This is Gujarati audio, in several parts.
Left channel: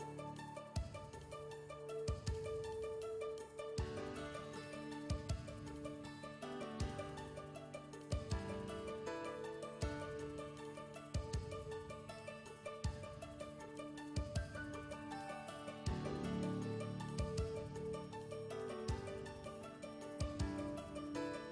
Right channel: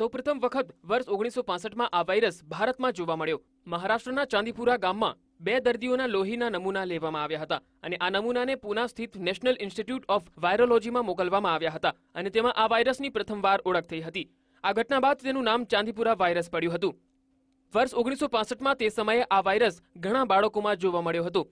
સૌપ્રથમ વખત વર્ષ ઓગણીસો પાસઠમાં આ વાયરસ ભારતમાં જોવા મળ્યો. મહારાષ્ટ્રના ચાંદીપુરા ગામમાં બે દર્દીઓના લોહીના નમૂના લેવામાં આવ્યા હતા અને આ નમૂનાને પુના સ્થિત નેશનલ ઇન્સ્ટિટ્યૂટ ઓફ વાયરોલોજીમાં મોકલવામાં આવ્યા હતા અને તેમાં આ વાયરસની પ્રથમવાર ઓળખ થઈ હતી. આ ઘટના બાદ તેનું નામ ચાંદીપુરા વાયરસ પડ્યું હતું. વર્ષ ઓગણીસો પાસઠમાં તે સમયે આ વાયરસ ઘણા બાળકોમાં જોવા મળ્યો હતો.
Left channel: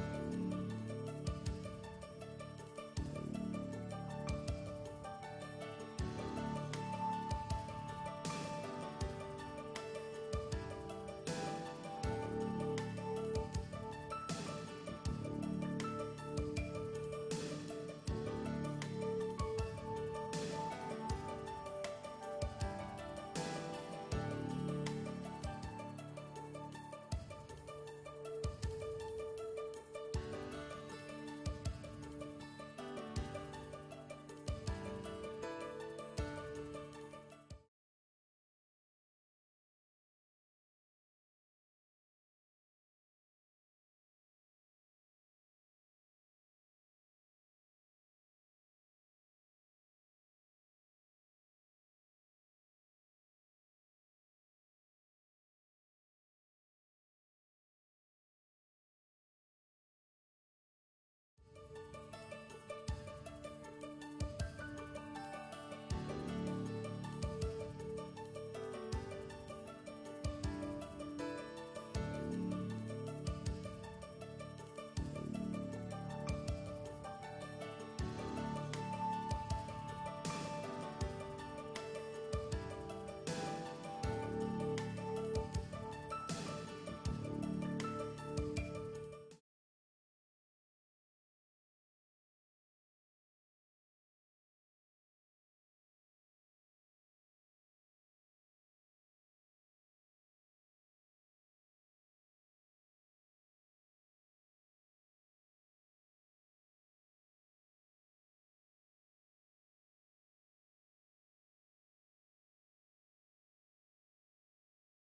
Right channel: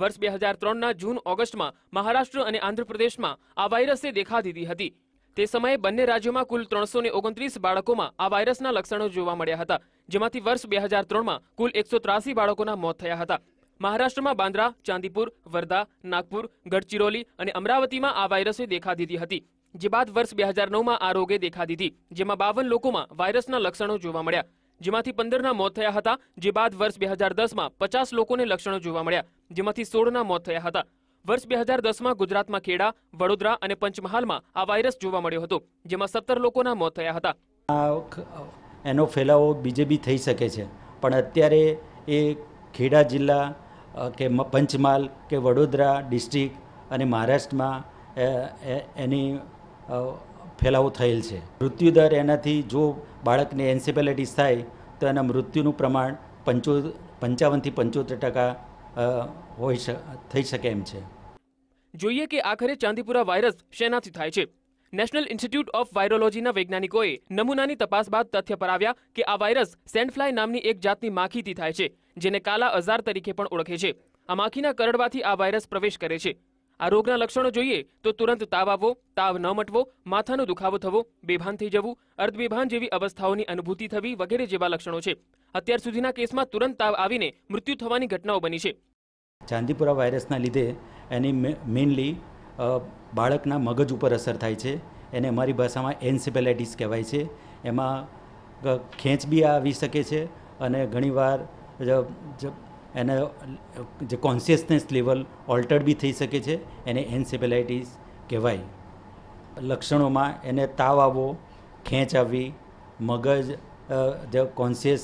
વર્ષ બે હજાર ત્રણના જૂન ઓગસ્ટમાં મહારાષ્ટ્ર અને આંધ્રપ્રદેશમાં આ વાયરસે દેખા દીધી હતી. તે સમયે બંને રાજ્યોમાં કુલ ત્રણસો ઓગણત્રીસ બાળકોમાં આ વાયરસના લક્ષણો જોવા મળ્યા હતા, જેમાંથી વર્ષ બે હજાર ત્રણમાં કુલ એકસો ત્રાસી બાળકોના મોત થયા હતા. મહારાષ્ટ્રમાં બાંદ્રા, ચાંદીપુર, વર્ધા, નાગપુર ગડચિરોલી અને અમરાવતીમાં આ વાયરસે દેખા દીધી હતી. જે બાદ વર્ષ બે હજાર નવમાં આ રોગે દેખા દીધી, જેમાં બાવન લોકોમાં વાયરસના લક્ષણો જોવા મળ્યા. જેમાંથી પંદરના મોત થયા હતા, જે બાદ વર્ષ બે હજાર દસમાં પચાસ લોકોને લક્ષણો જોવા મળ્યા, જેમાંથી સોળના મોત થયા હતા. વર્ષ બે હજાર દસમાં ગુજરાતમાં ખેડા, વડોદરા અને પંચમહાલમાં આ વાયરસ જોવા મળ્યો હતો, જેમાં સત્તર લોકોના મોત થયા હતા. એનો ફેલાવો બીજે બી થઈ શકે છે, પણ અત્યારે એ ખેડા જિલ્લા કે પંચમહાલ કે વડોદરા ડિસ્ટ્રિક્ટ અને મહારાષ્ટ્રમાં એની ફેલાવો થયેલ છે. મૃત્યુદર એનાથી જો બાળકને એન્સેફેલાઇટીસ થાય, તો એના મૃત્યુનું પ્રમાણ પંચો, પંચાવનથી પંચોતેર ટકા હોય થઈ શકે એમ છે. જોઈએ કે આખરે ચાંદીપુરા વાયરસ શેનાથી થાય છે? નેશનલ ઇન્સ્ટિટ્યૂટ ઓફ વાયરોલોજીના વૈજ્ઞાનિકોએ નમૂનાની તપાસ બાદ તથ્ય પર આવ્યા કે આ વાયરસ સેન્ડફ્લાય નામની એક જાતની માખીથી થાય છે, જેને કાલા અઝાર તરીકે પણ ઓળખે છે. આ માખીના કરડવાથી આ વાયરસ પ્રવેશ કરે છે. આ રોગના લક્ષણો જોઈએ તો તુરંત તાવ આવવો, તાવ ન મટવો, માથાનો દુખાવો થવો, બેભાન થઈ જવું, અર્ધબેભાન જેવી અવસ્થાઓની અનુભૂતિ થવી વગેરે જેવા લક્ષણો છે. અત્યાર સુધીના કેસમાં તુરંત તાવ આવીને મૃત્યુ થવાની ઘટનાઓ બની છે. ચાંદીપુરા વાયરસના લીધે એની મેઇનલી બાળકના મગજ ઉપર અસર થાય છે. એને અમારી ભાષામાં એન્સેફેલાઇટિસ કહેવાય છે. એમાં ખેંચ બી આવી શકે છે અને ઘણીવાર એને, જે કોન્શિયસનેસ લેવલ ઓલ્ટર્ડ બી થઈ શકે છે, એને એન્સેફેલાઇટિસ કહેવાય. લક્ષણોમાં એને તાવ આવવો, ખેંચ આવવી, મગજ જે કોન્શિયસ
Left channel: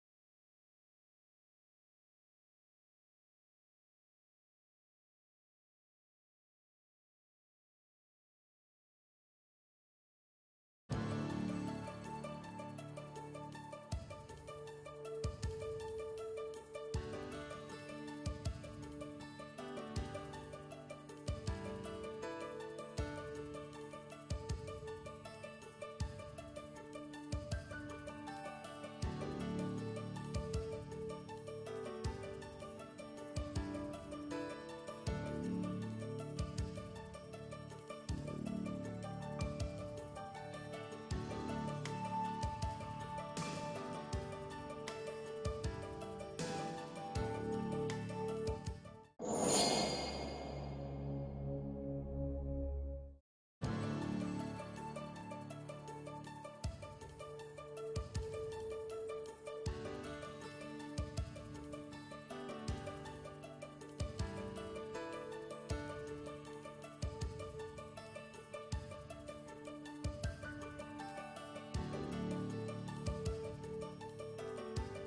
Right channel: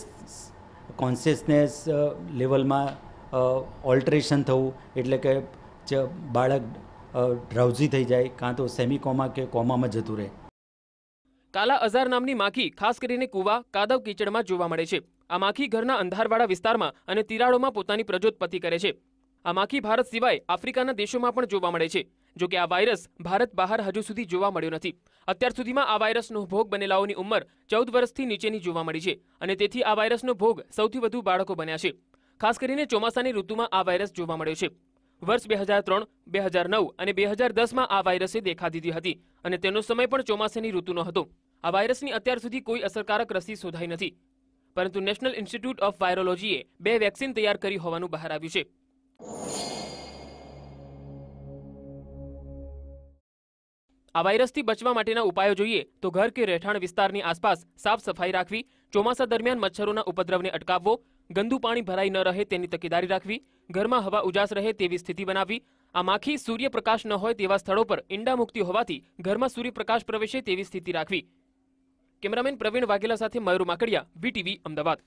કોન્શિયસનેસ લેવલમાં ઓલ્ટરેશન થવું, એટલે કે બાળક ડ્રાઉઝી થઈ જાય, કાં તો સેમી કોમા કે કોમામાં જતું રહે. કાલા અઝાર નામની માખી ખાસ કરીને કુવા, કાદવ કીચડમાં જોવા મળે છે. આ માખી ઘરના અંધારવાળા વિસ્તારમાં અને તિરાડોમાં પોતાની પ્રજોત્પત્તિ કરે છે. આ માખી ભારત સિવાય આફ્રિકાના દેશોમાં પણ જોવા મળે છે, જો કે આ વાયરસ ભારત બહાર હજુ સુધી જોવા મળ્યો નથી. અત્યાર સુધીમાં આ વાયરસનો ભોગ બનેલાઓની ઉંમર ચૌદ વર્ષથી નીચેની જોવા મળી છે અને તેથી આ વાયરસનો ભોગ સૌથી વધુ બાળકો બન્યા છે. ખાસ કરીને ચોમાસાની ઋતુમાં આ વાયરસ જોવા મળ્યો છે. વર્ષ બે હજાર ત્રણ, બે હજાર નવ અને બે હજાર દસમાં આ વાયરસે દેખા દીધી હતી અને તેનો સમય પણ ચોમાસાની ઋતુનો હતો. આ વાયરસની અત્યાર સુધી કોઈ અસરકારક રસી શોધાઈ નથી. પરંતુ નેશનલ ઇન્સ્ટિટ્યૂટ ઓફ વાયરોલોજીએ બે વેક્સિન તૈયાર કરી હોવાનું બહાર આવ્યું છે. આ વાયરસથી બચવા માટેના ઉપાયો જોઈએ તો ઘર કે રહેઠાણ વિસ્તારની આસપાસ સાફ સફાઈ રાખવી, ચોમાસા દરમિયાન મચ્છરોના ઉપદ્રવને અટકાવવો ગંદુ પાણી ભરાઈ ન રહે તેની તકેદારી રાખવી, ઘરમાં હવા ઉજાસ રહે તેવી સ્થિતિ બનાવવી. આ માખી સૂર્યપ્રકાશ ન હોય તેવા સ્થળો પર ઈંડા મુક્તિ હોવાથી ઘરમાં સૂર્યપ્રકાશ પ્રવેશે તેવી સ્થિતિ રાખવી. કેમેરામેન પ્રવીણ વાઘેલા સાથે મયુર માકડિયા બીટીવી અમદાવાદ.